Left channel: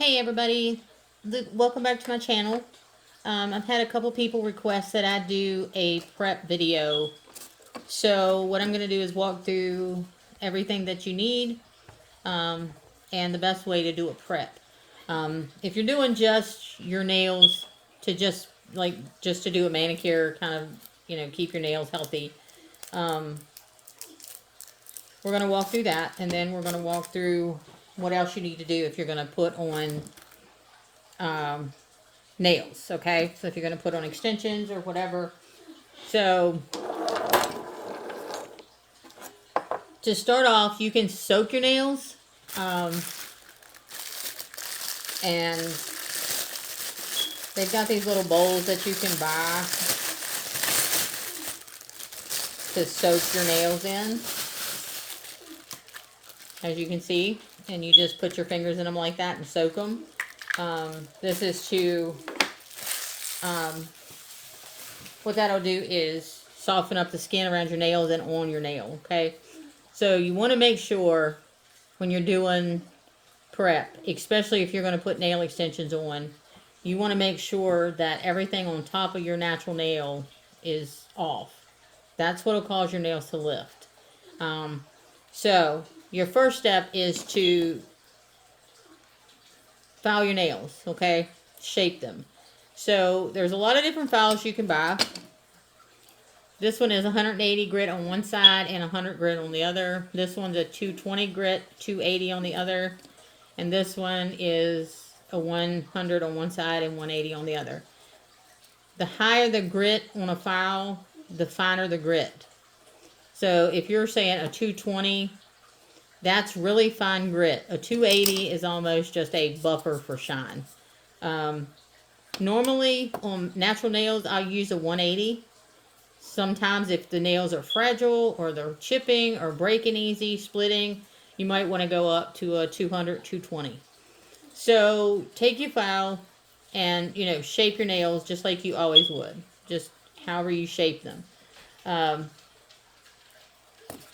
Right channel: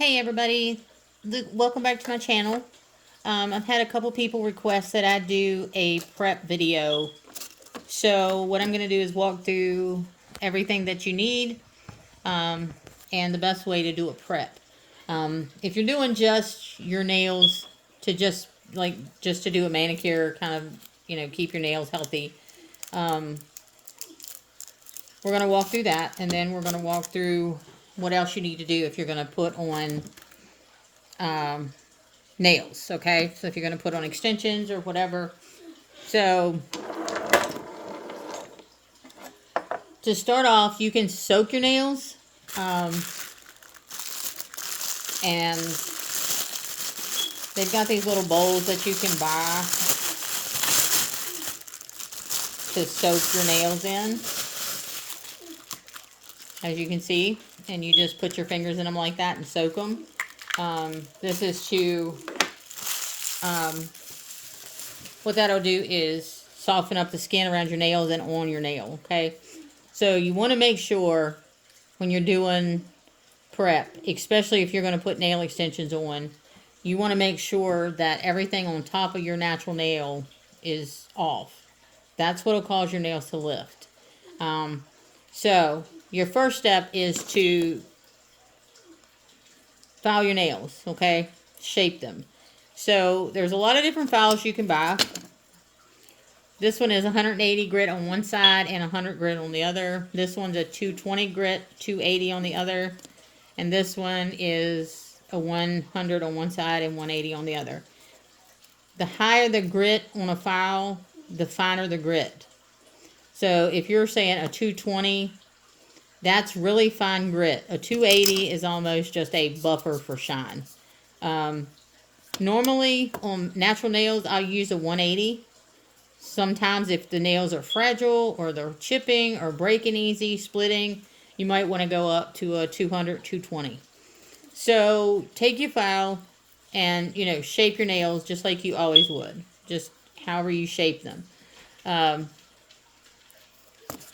Hey everybody, welcome back to my channel. I've had a couple people request that I do a prep video. So what I'm going to do is walk through everything that you need and the best way to do a prep. If you're doing just your nails to just to do a manicure, kind of, keep your nails healthy, um, we're going to walk through that, and then we're going to walk through what else you need to do if you're going to put on um, nails, okay? So if you're going to put on extensions or whatever. So to start off, you can soak your nails, and they've got these little bowls that you can buy to soak your nails in, as you can see, and you just put your fingers in them like that and soak them. This is to, what that'll do is soften up the skin around your nails and on your nail, okay? So you want to make sure when you're doing prep, especially if you're going to put nail extensions on, you want to make sure that everything on top of your natural nail is off. That's what will cause your nails to lift. So your first step is to file your nails, okay? Shape them. So there's a lot of different files you can buy. This one is 180 grit on one side and 100 grit on the other. This one's a 220 grit, 280 on the other. And this one is a 100 on one side and 180 on the other. The higher the grit on a file, the finer the grit. So if you're saying a 220, that's really fine grit. A 280 is almost just a buffer for shine. Normally on natural nails, I'll use a 180. Sometimes if the nails are fragile or they're chipping or breaking easy, splitting, you might want to go up to a 200, 220. So take your file and, shape your nails just like you always would. Just however you shape them.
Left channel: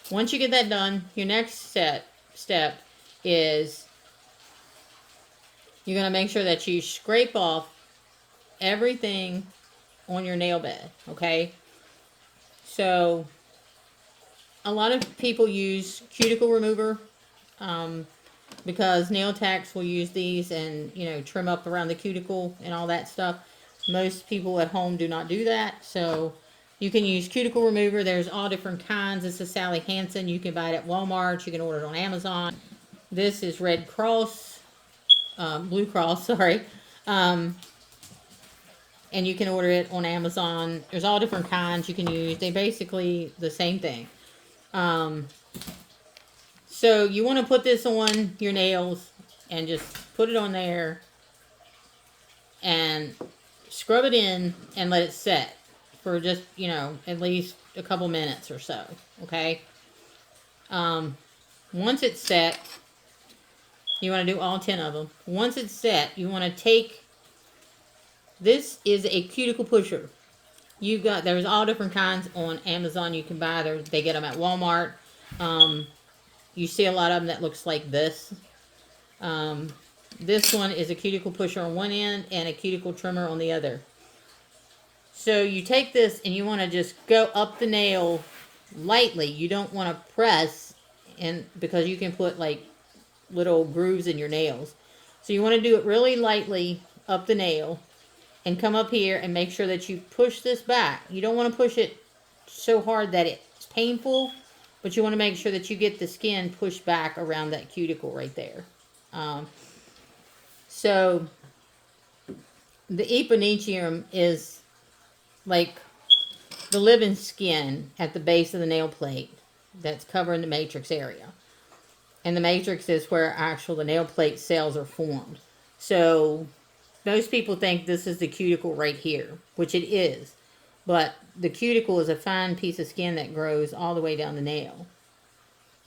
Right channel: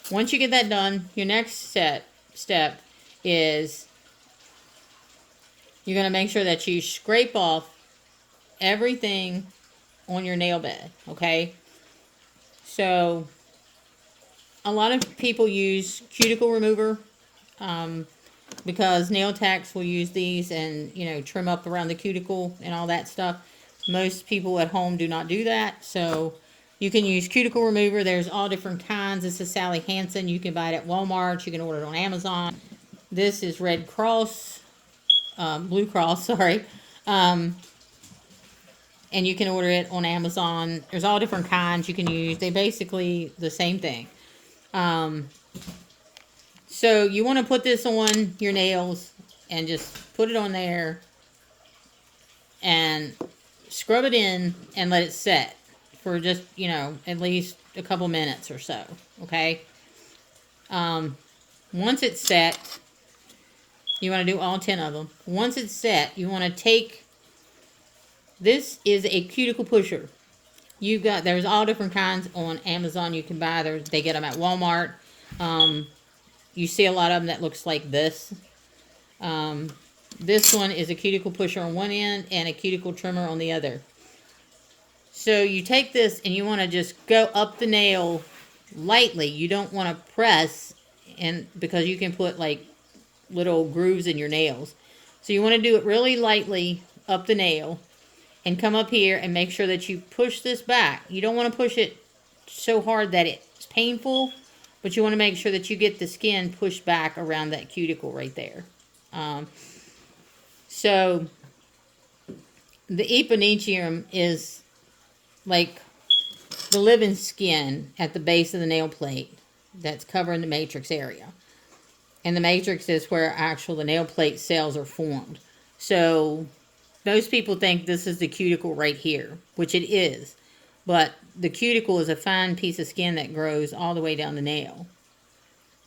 Once you get that done, your next step is you're going to make sure that you scrape off everything on your nail bed, okay? So a lot of people use cuticle remover because nail techs will use these and, trim up around the cuticle and all that stuff. Most people at home do not do that, so you can use cuticle remover. There's all different kinds. This is Sally Hansen. You can buy it at Walmart. You can order it on Amazon. This is Red Cross, Blue Cross, sorry. And you can order it on Amazon. There's all different kinds you can use. They basically the same thing. So you want to put this on your nails and just put it on there and scrub it in and let it set for just, at least a couple minutes or so, okay? Once it's set, you want to do all 10 of them. Once it's set, you want to take, this is a cuticle pusher. There's all different kinds on Amazon you can buy. They get them at Walmart. You see a lot of them that looks like this. This one is a cuticle pusher on one end and a cuticle trimmer on the other. So you take this and you want to just go up the nail lightly. You don't want to press, and because you can put like little grooves in your nails. So you want to do it really lightly up the nail and come up here and make sure that you push this back. You don't want to push it so hard that it's painful, but you want to make sure that you get the skin pushed back around that cuticle right there. So the eponychium is like the living skin at the base of the nail plate that's covering the matrix area. And the matrix is where the nail plate cells are formed. So most people think this is the cuticle right here, which it is. But the cuticle is a fine piece of skin that grows all the way down the nail.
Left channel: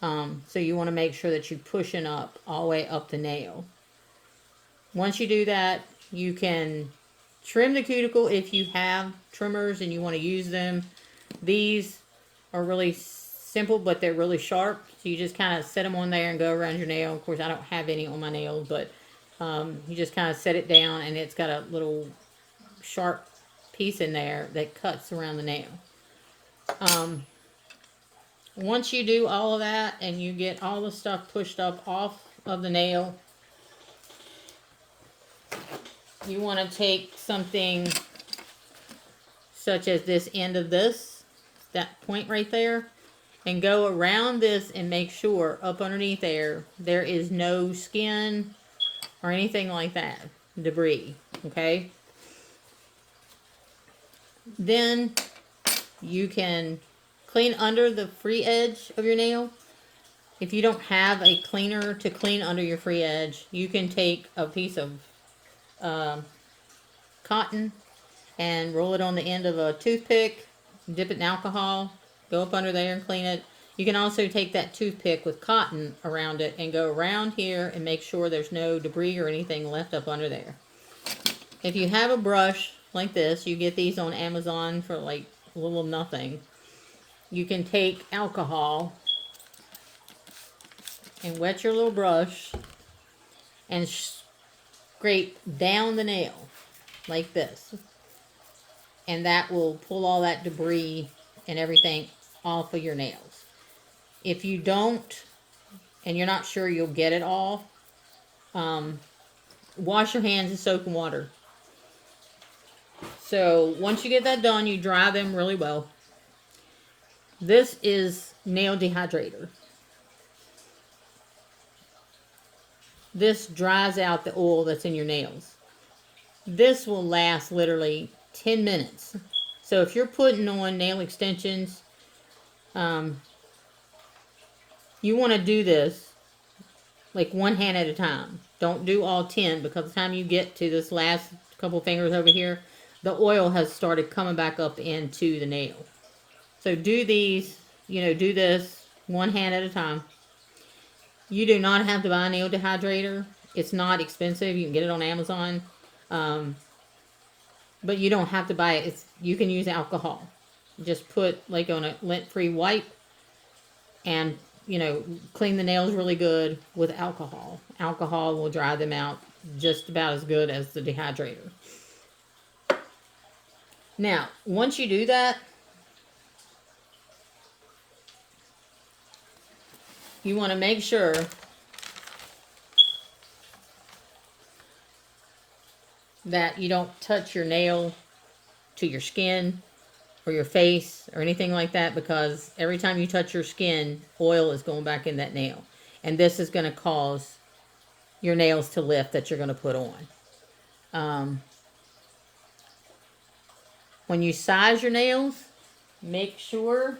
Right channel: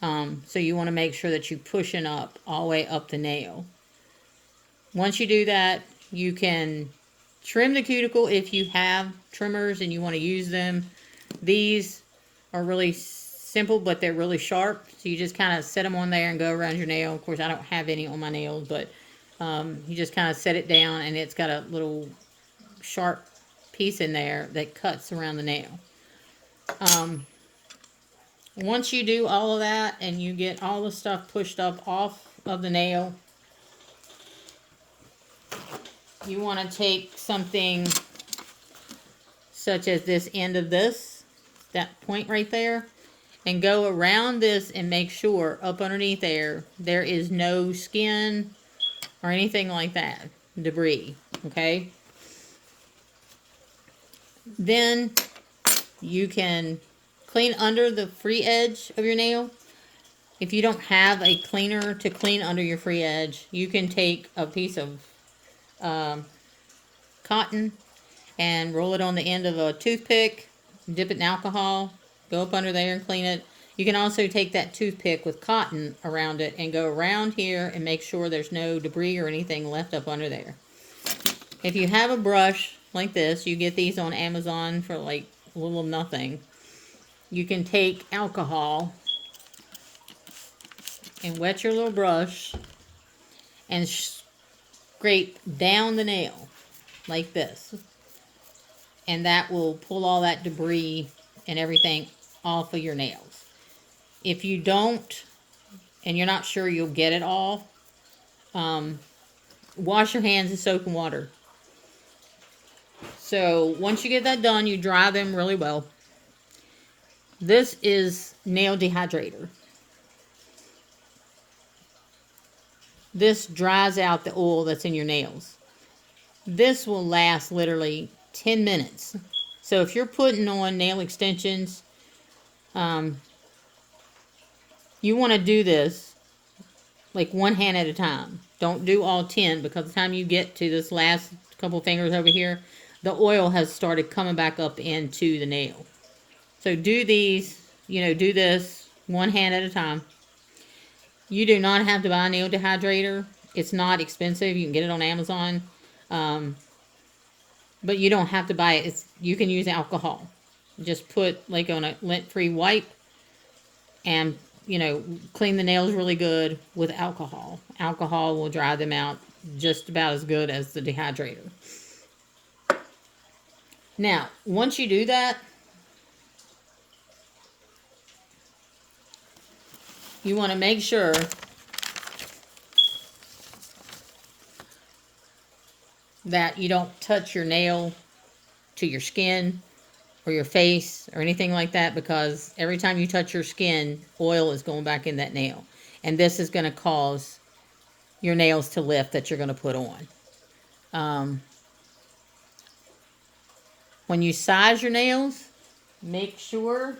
So you want to make sure that you're pushing up all the way up the nail. Once you do that, you can trim the cuticle if you have trimmers and you want to use them. These are really simple, but they're really sharp. So you just kind of set them on there and go around your nail. Of course, I don't have any on my nails, but You just kind of set it down, and it's got a little sharp piece in there that cuts around the nail. Once you do all of that and you get all the stuff pushed up off of the nail, you want to take something such as this end of this, that point right there, and go around this and make sure up underneath there is no skin or anything like that, debris, okay? Then you can clean under the free edge of your nail. If you don't have a cleaner to clean under your free edge, you can take a piece of cotton and roll it on the end of a toothpick, dip it in alcohol, go up under there and clean it. You can also take that toothpick with cotton around it and go around here and make sure there's no debris or anything left up under there. If you have a brush like this, you get these on Amazon for like a little nothing. You can take alcohol and wet your little brush and scrape down the nail like this. And that will pull all that debris and everything off of your nails. If you don't, and you're not sure you'll get it all, wash your hands in soap and water. So once you get that done, you dry them really well. This is nail dehydrator. This dries out the oil that's in your nails. This will last literally 10 minutes. So if you're putting on nail extensions, you want to do this like one hand at a time. Don't do all 10, because by the time you get to this last couple fingers over here, the oil has started coming back up into the nail. So do these, do this one hand at a time. You do not have to buy a nail dehydrator. It's not expensive. You can get it on Amazon. But you don't have to buy it. You can use alcohol. Just put like on a lint-free wipe and, clean the nails really good with alcohol. Alcohol will dry them out just about as good as the dehydrator. Now, once you do that, you want to make sure that you don't touch your nail to your skin or your face or anything like that, because every time you touch your skin, oil is going back in that nail. And this is going to cause your nails to lift that you're going to put on. When you size your nails, make sure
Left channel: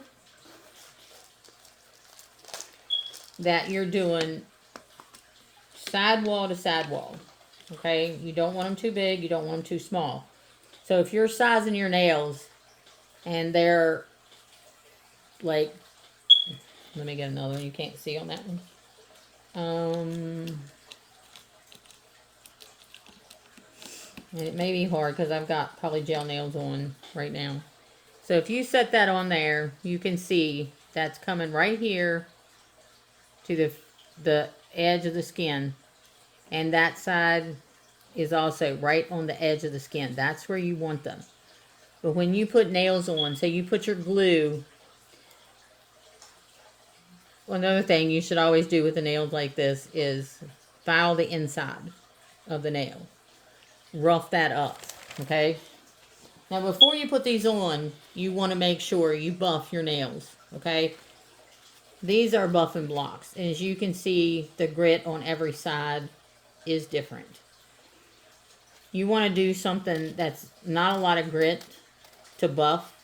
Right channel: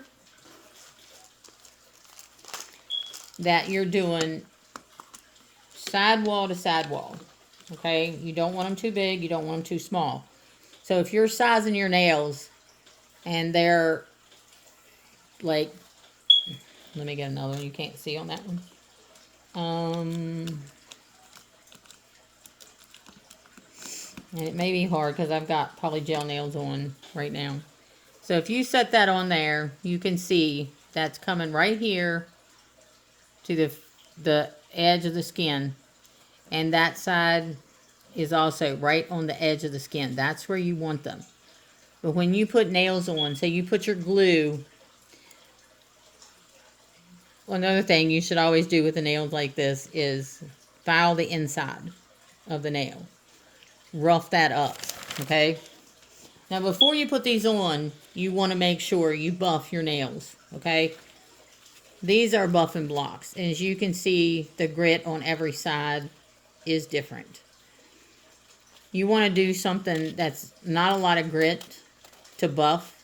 that you're doing sidewall to sidewall. Okay, you don't want them too big, you don't want them too small. So if you're sizing your nails and they're like, let me get another one, you can't see on that one. And it may be hard because I've got probably gel nails on right now. So if you set that on there, you can see that's coming right here to the edge of the skin. And that side is also right on the edge of the skin. That's where you want them. But when you put nails on, say you put your glue, another thing you should always do with the nails like this is file the inside of the nail. Rough that up, okay? Now before you put these on, you want to make sure you buff your nails, okay? These are buffing blocks, and as you can see, the grit on every side is different. You want to do something that's not a lot of grit to buff,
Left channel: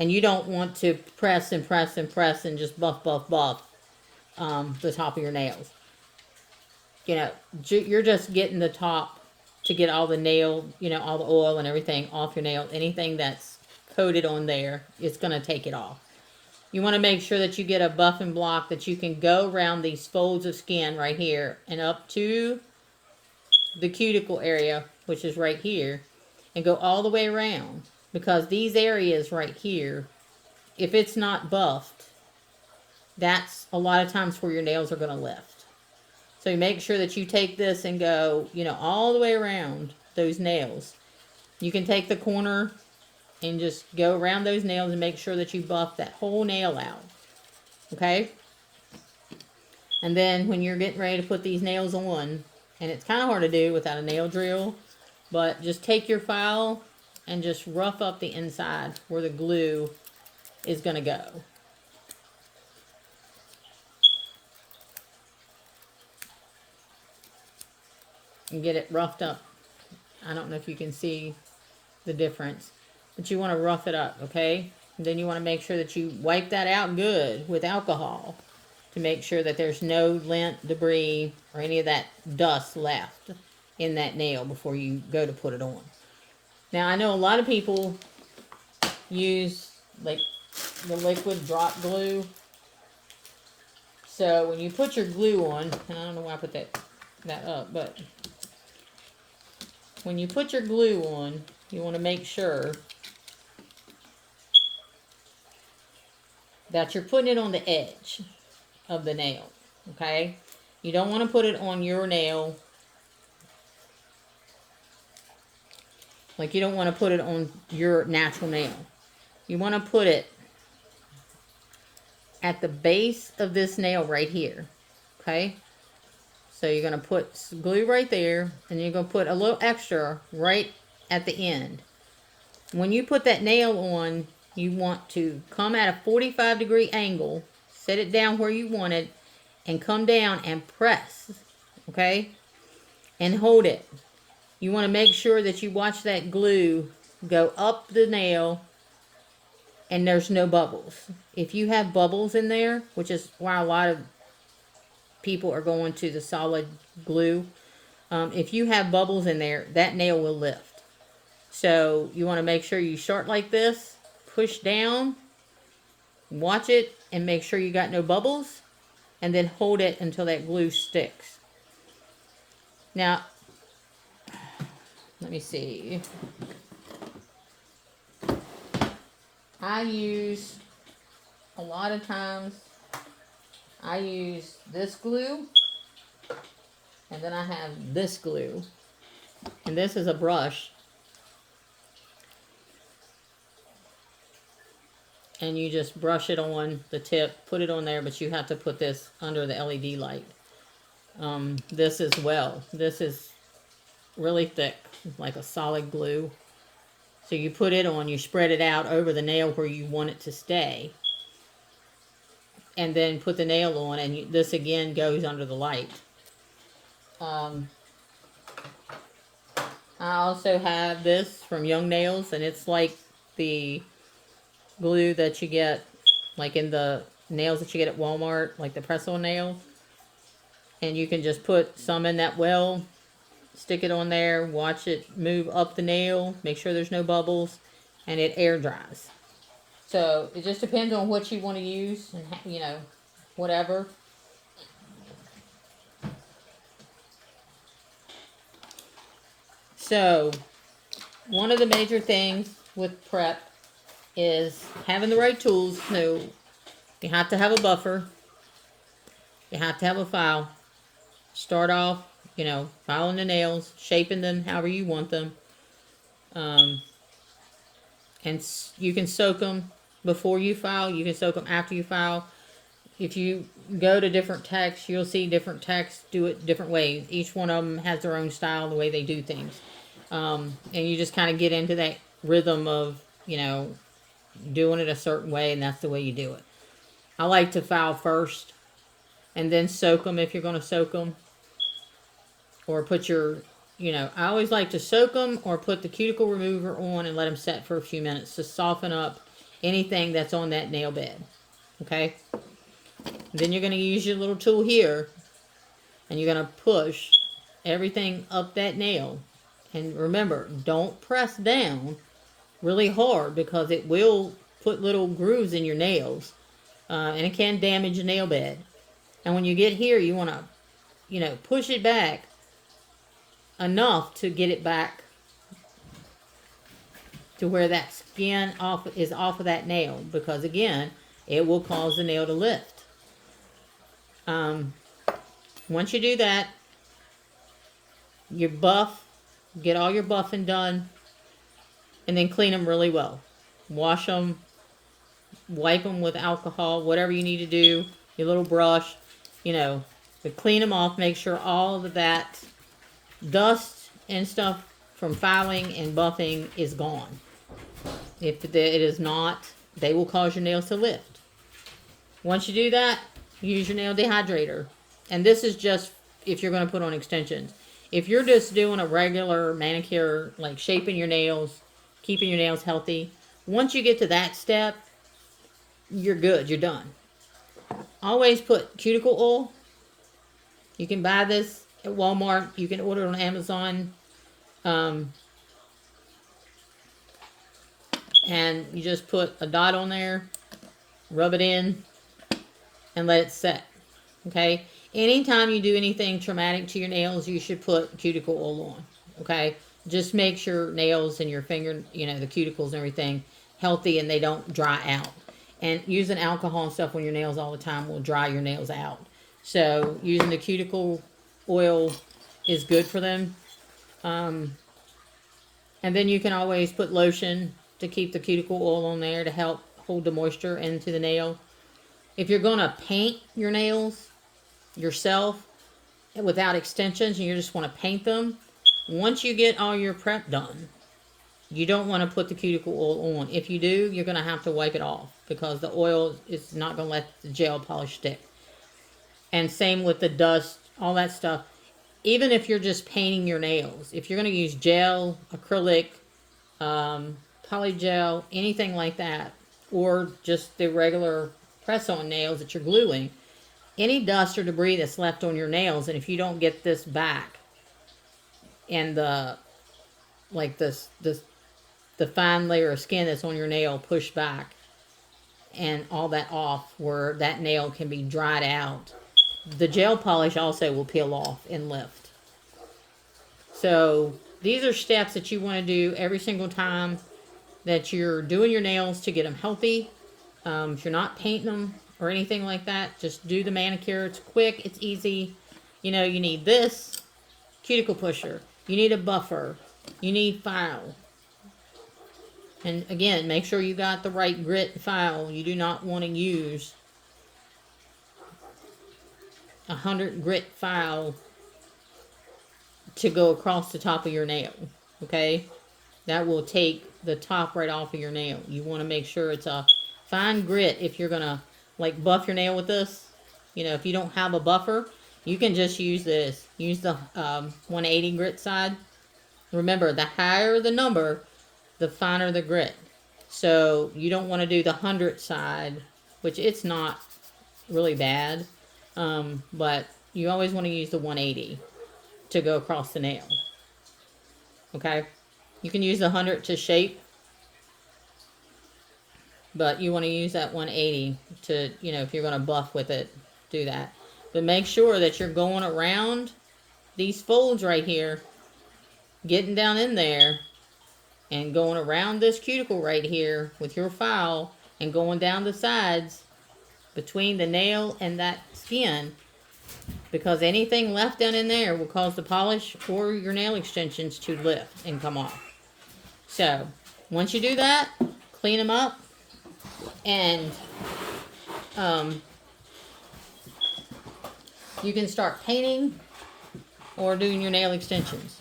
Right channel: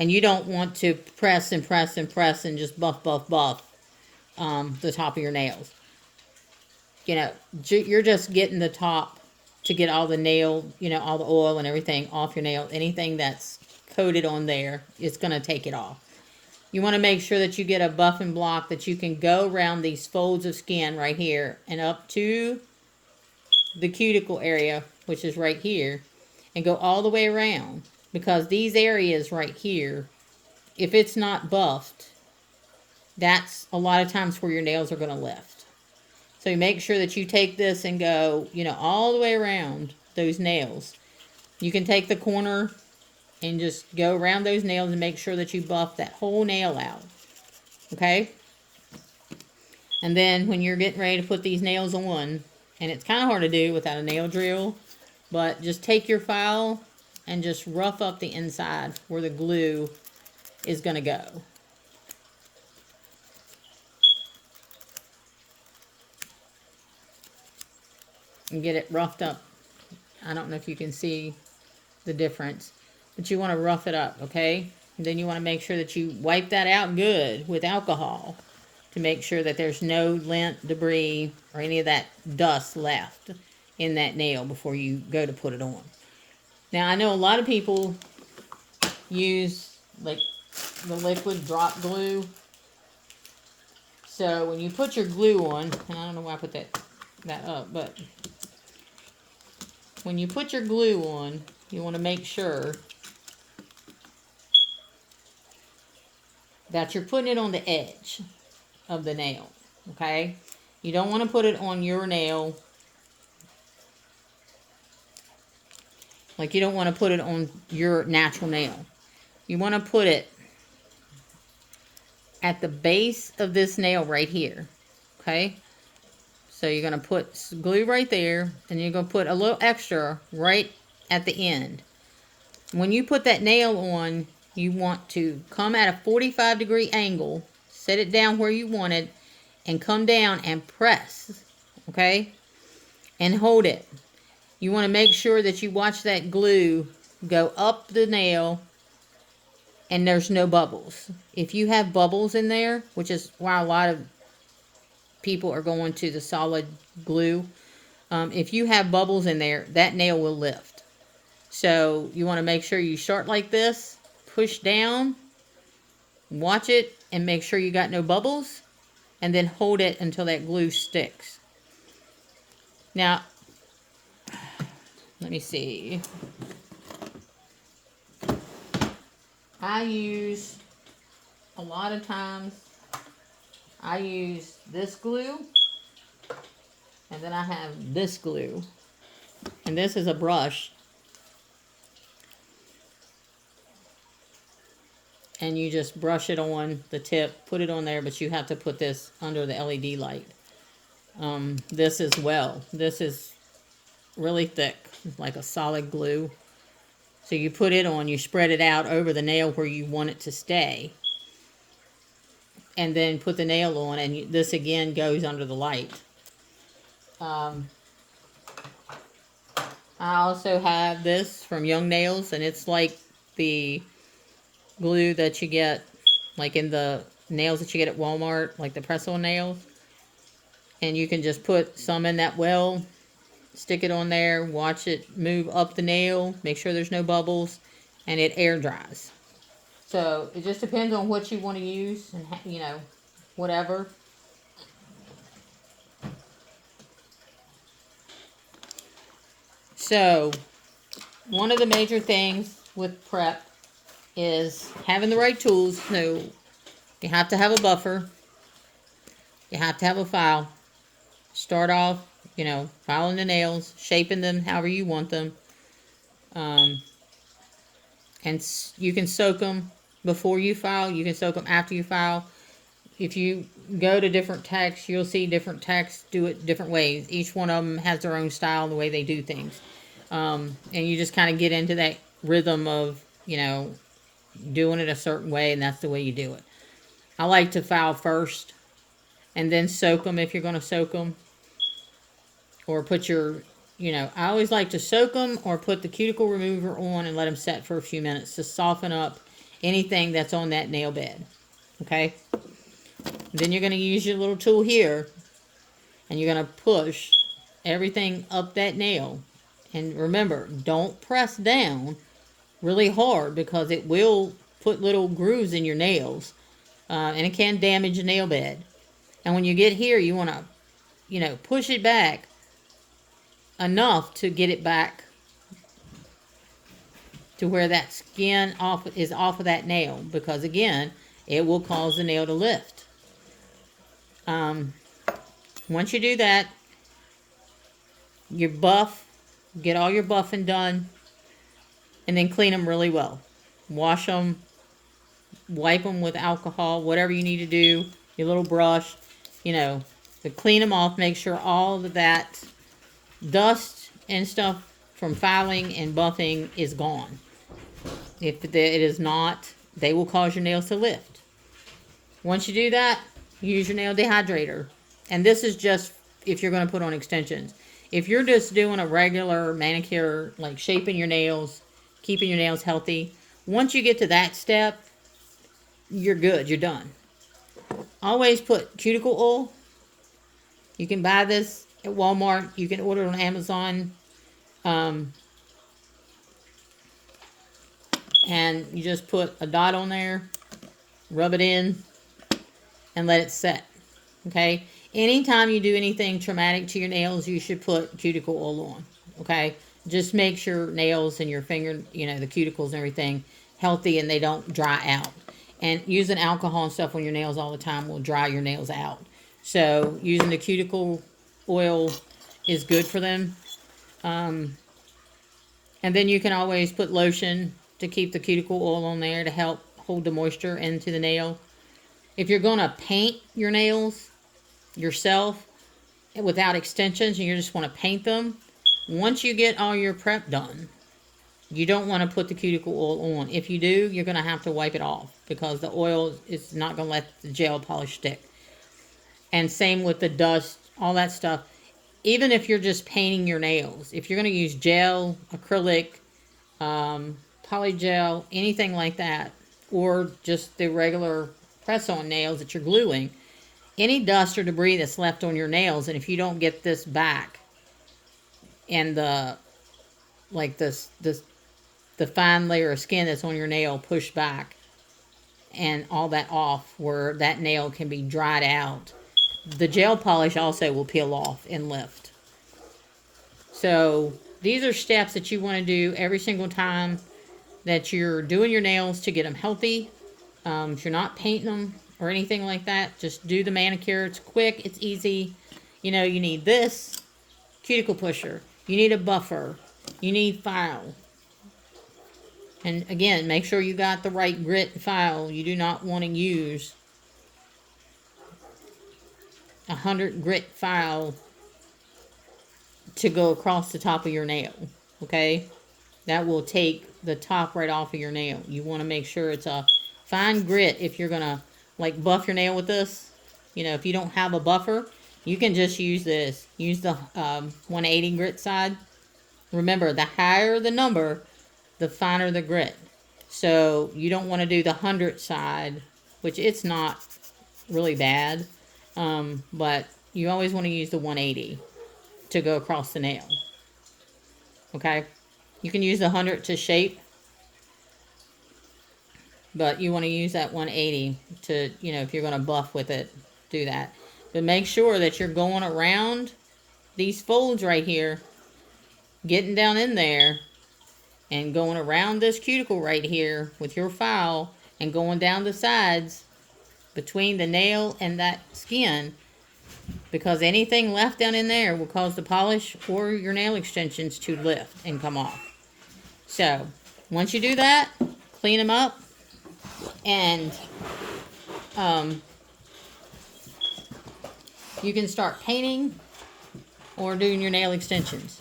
and you don't want to press and press and press and just buff the top of your nails. You're just getting the top to get all the nail, all the oil and everything off your nail. Anything that's coated on there, it's going to take it off. You want to make sure that you get a buffing block that you can go around these folds of skin right here and up to the cuticle area, which is right here, and go all the way around, because these areas right here, if it's not buffed, that's a lot of times where your nails are going to lift. So you make sure that you take this and go, you know, all the way around those nails. You can take the corner and just go around those nails and make sure that you buff that whole nail out. Okay? And then when you're getting ready to put these nails on, and it's kind of hard to do without a nail drill, but just take your file and just rough up the inside where the glue is going to go. And get it roughed up. I don't know if you can see the difference, but you want to rough it up, okay? And then you want to make sure that you wipe that out good with alcohol to make sure that there's no lint, debris, or any of that dust left in that nail before you go to put it on. Now, I know a lot of people use like the liquid drop glue. So when you put your glue on, and I don't know why I put that up, but when you put your glue on, you want to make sure that you're putting it on the edge of the nail, okay? You don't want to put it on your nail. Like you don't want to put it on your natural nail. You want to put it at the base of this nail right here, okay? So you're going to put glue right there, and you're going to put a little extra right at the end. When you put that nail on, you want to come at a 45-degree angle, set it down where you want it, and come down and press, okay? And hold it. You want to make sure that you watch that glue go up the nail and there's no bubbles. If you have bubbles in there, which is why a lot of people are going to the solid glue, if you have bubbles in there, that nail will lift. So you want to make sure you start like this, push down, watch it, and make sure you got no bubbles, and then hold it until that glue sticks. Now, let me see. I use, a lot of times, I use this glue, and then I have this glue. And this is a brush. And you just brush it on the tip, put it on there, but you have to put this under the LED light. This as well. This is really thick, like a solid glue. So you put it on, you spread it out over the nail where you want it to stay. And then put the nail on, and this again goes under the light. I also have this from Young Nails, and it's like the glue that you get like in the nails that you get at Walmart, like the press-on nails. And you can just put some in that well, stick it on there, watch it move up the nail, make sure there's no bubbles, and it air dries. So it just depends on what you want to use, and you know, whatever. So one of the major things with prep is having the right tools. So you have to have a buffer. You have to have a file. Start off, you know, filing the nails, shaping them however you want them. And you can soak them before you file. You can soak them after you file. If you go to different techs, you'll see different techs do it different ways. Each one of them has their own style, the way they do things. And you just kind of get into that rhythm of, you know, doing it a certain way, and that's the way you do it. I like to file first and then soak them if you're going to soak them. Or put your, you know, I always like to soak them or put the cuticle remover on and let them set for a few minutes to soften up anything that's on that nail bed. Okay? Then you're going to use your little tool here, and you're going to push everything up that nail. And remember, don't press down really hard, because it will put little grooves in your nails, and it can damage the nail bed. And when you get here, you want to, you know, push it back enough to get it back to where that skin is off of that nail, because again, it will cause the nail to lift. Once you do that, your buff, get all your buffing done, and then clean them really well. Wash them, wipe them with alcohol, whatever you need to do, your little brush, you know, to clean them off, make sure all of that dust and stuff from filing and buffing is gone. If it is not, they will cause your nails to lift. Once you do that, use your nail dehydrator. And this is just if you're going to put on extensions. If you're just doing a regular manicure, like shaping your nails, keeping your nails healthy, once you get to that step, you're good. You're done. Always put cuticle oil. You can buy this at Walmart. You can order it on Amazon. And you just put a dot on there, rub it in, and let it set. Okay? Anytime you do anything traumatic to your nails, you should put cuticle oil on. Okay? Just makes your nails and your finger, you know, the cuticles and everything healthy and they don't dry out. And using alcohol and stuff on your nails all the time will dry your nails out. So using the cuticle oil is good for them. And then you can always put lotion to keep the cuticle oil on there to help hold the moisture into the nail. If you're going to paint your nails yourself without extensions and you just want to paint them, once you get all your prep done, you don't want to put the cuticle oil on. If you do, you're going to have to wipe it off because the oil is not going to let the gel polish stick. And same with the dust, all that stuff. Even if you're just painting your nails, if you're going to use gel, acrylic, polygel, anything like that, or just the regular press-on nails that you're gluing, any dust or debris that's left on your nails, and if you don't get this back and the fine layer of skin that's on your nail pushed back and all that off where that nail can be dried out, the gel polish also will peel off and lift. So these are steps that you want to do every single time that you're doing your nails to get them healthy. If you're not painting them or anything like that, just do the manicure. It's quick, it's easy. You know, you need this cuticle pusher, you need a buffer, you need file. And again, make sure you got the right grit file. You do not want to use 100 grit file to go across the top of your nail. Okay? That will take the top right off of your nail. You want to make sure it's a fine grit if you're going to like buff your nail with this. You know, if you don't have a buffer, you can just use this. Use the 180 grit side. Remember, the higher the number, the finer the grit. So you don't want to do the 100 side, which it's not really bad. But you always want to use the 180 to go across the nail. Okay? You can use the 100 to shape, but you want to use that 180 to, you know, if you're going to buff with it, do that. But make sure that you're going around these folds right here, getting down in there, and going around this cuticle right here with your file, and going down the sides between the nail and that skin, because anything left down in there will cause the polish or your nail extensions to lift and come off. So once you do that, clean them up, and you can start painting or doing your nail extensions.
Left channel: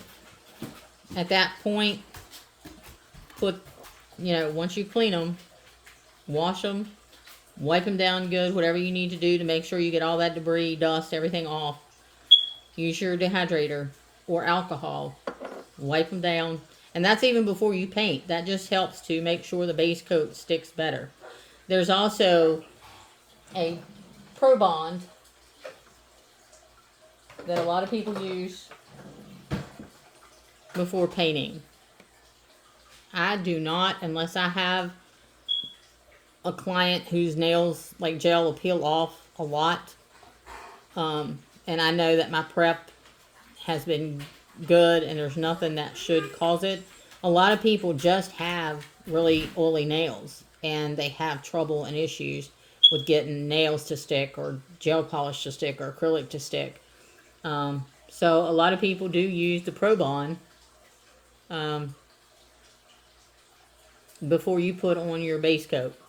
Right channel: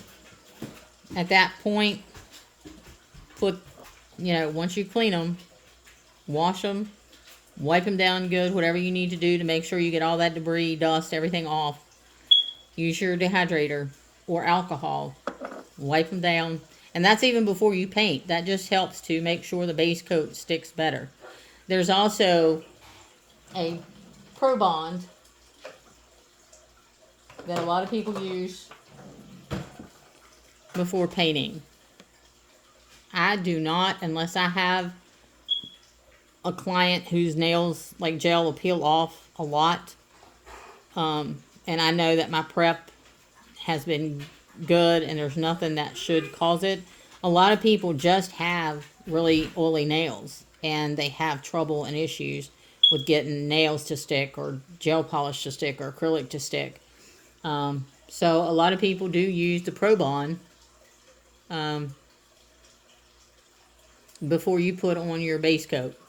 At that point, put, you know, once you clean them, wash them, wipe them down good, whatever you need to do to make sure you get all that debris, dust, everything off. Use your dehydrator or alcohol. Wipe them down. And that's even before you paint. That just helps to make sure the base coat sticks better. There's also a Pro Bond that a lot of people use before painting. I do not, unless I have a client whose nails, like gel, will peel off a lot. And I know that my prep has been good and there's nothing that should cause it. A lot of people just have really oily nails and they have trouble and issues with getting nails to stick or gel polish to stick or acrylic to stick. So a lot of people do use the Pro-Bond before you put on your base coat.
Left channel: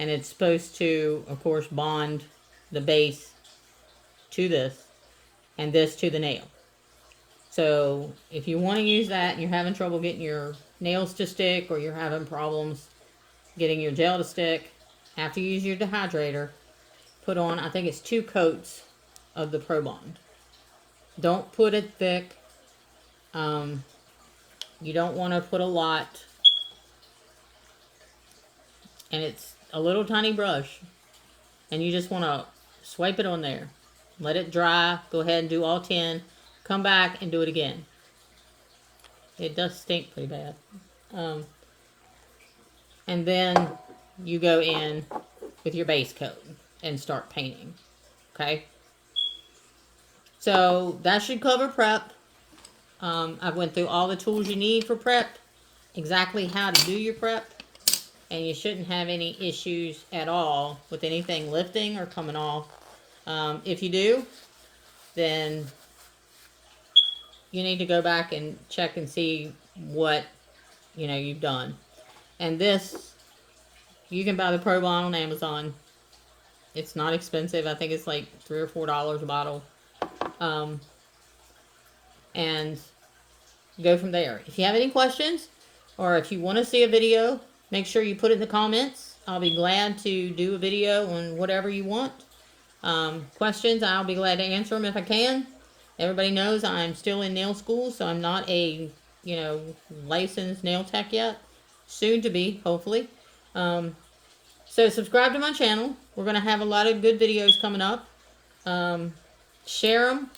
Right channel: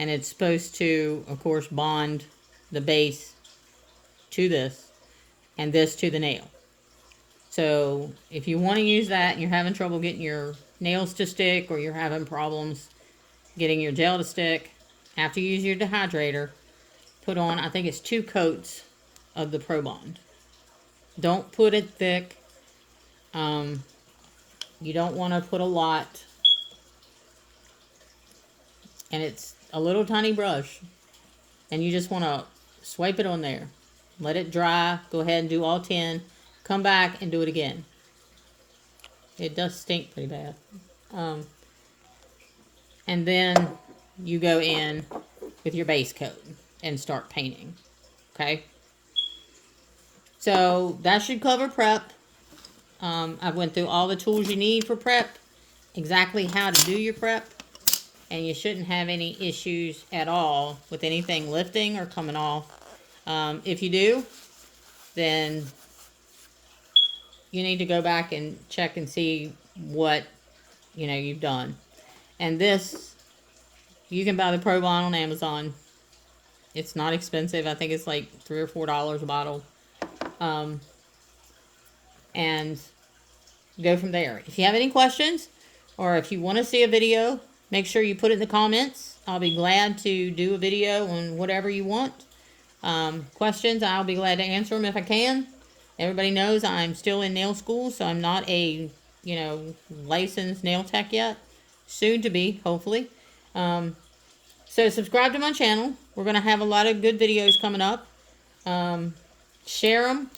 And it's supposed to, of course, bond the base to this and this to the nail. So if you want to use that and you're having trouble getting your nails to stick, or you're having problems getting your gel to stick, after you use your dehydrator, put on, I think it's 2 coats of the Pro-Bond. Don't put it thick. You don't want to put a lot. And it's a little tiny brush. And you just want to swipe it on there. Let it dry. Go ahead and do all 10. Come back and do it again. It does stink pretty bad. And then you go in with your base coat and start painting. Okay? So that should cover prep. I went through all the tools you need for prep, exactly how to do your prep, and you shouldn't have any issues at all with anything lifting or coming off. If you do, then you need to go back and check and see what you've done. And this, you can buy the Pro-Bond on Amazon. It's not expensive. I think it's like $3 or $4 a bottle. And go from there. If you have any questions, or if you want to see a video, make sure you put it in the comments. I'll be glad to do a video on whatever you want. Questions, I'll be glad to answer them if I can. Everybody knows I'm still in nail school, so I'm not a, licensed nail tech yet. Soon to be, hopefully. So subscribe to my channel. We're going to have a lot of good videos coming up. Share them.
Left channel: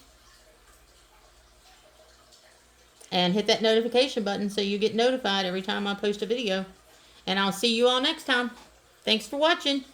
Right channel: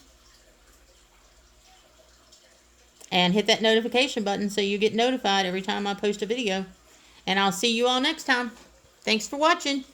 And hit that notification button so you get notified every time I post a video. And I'll see you all next time. Thanks for watching.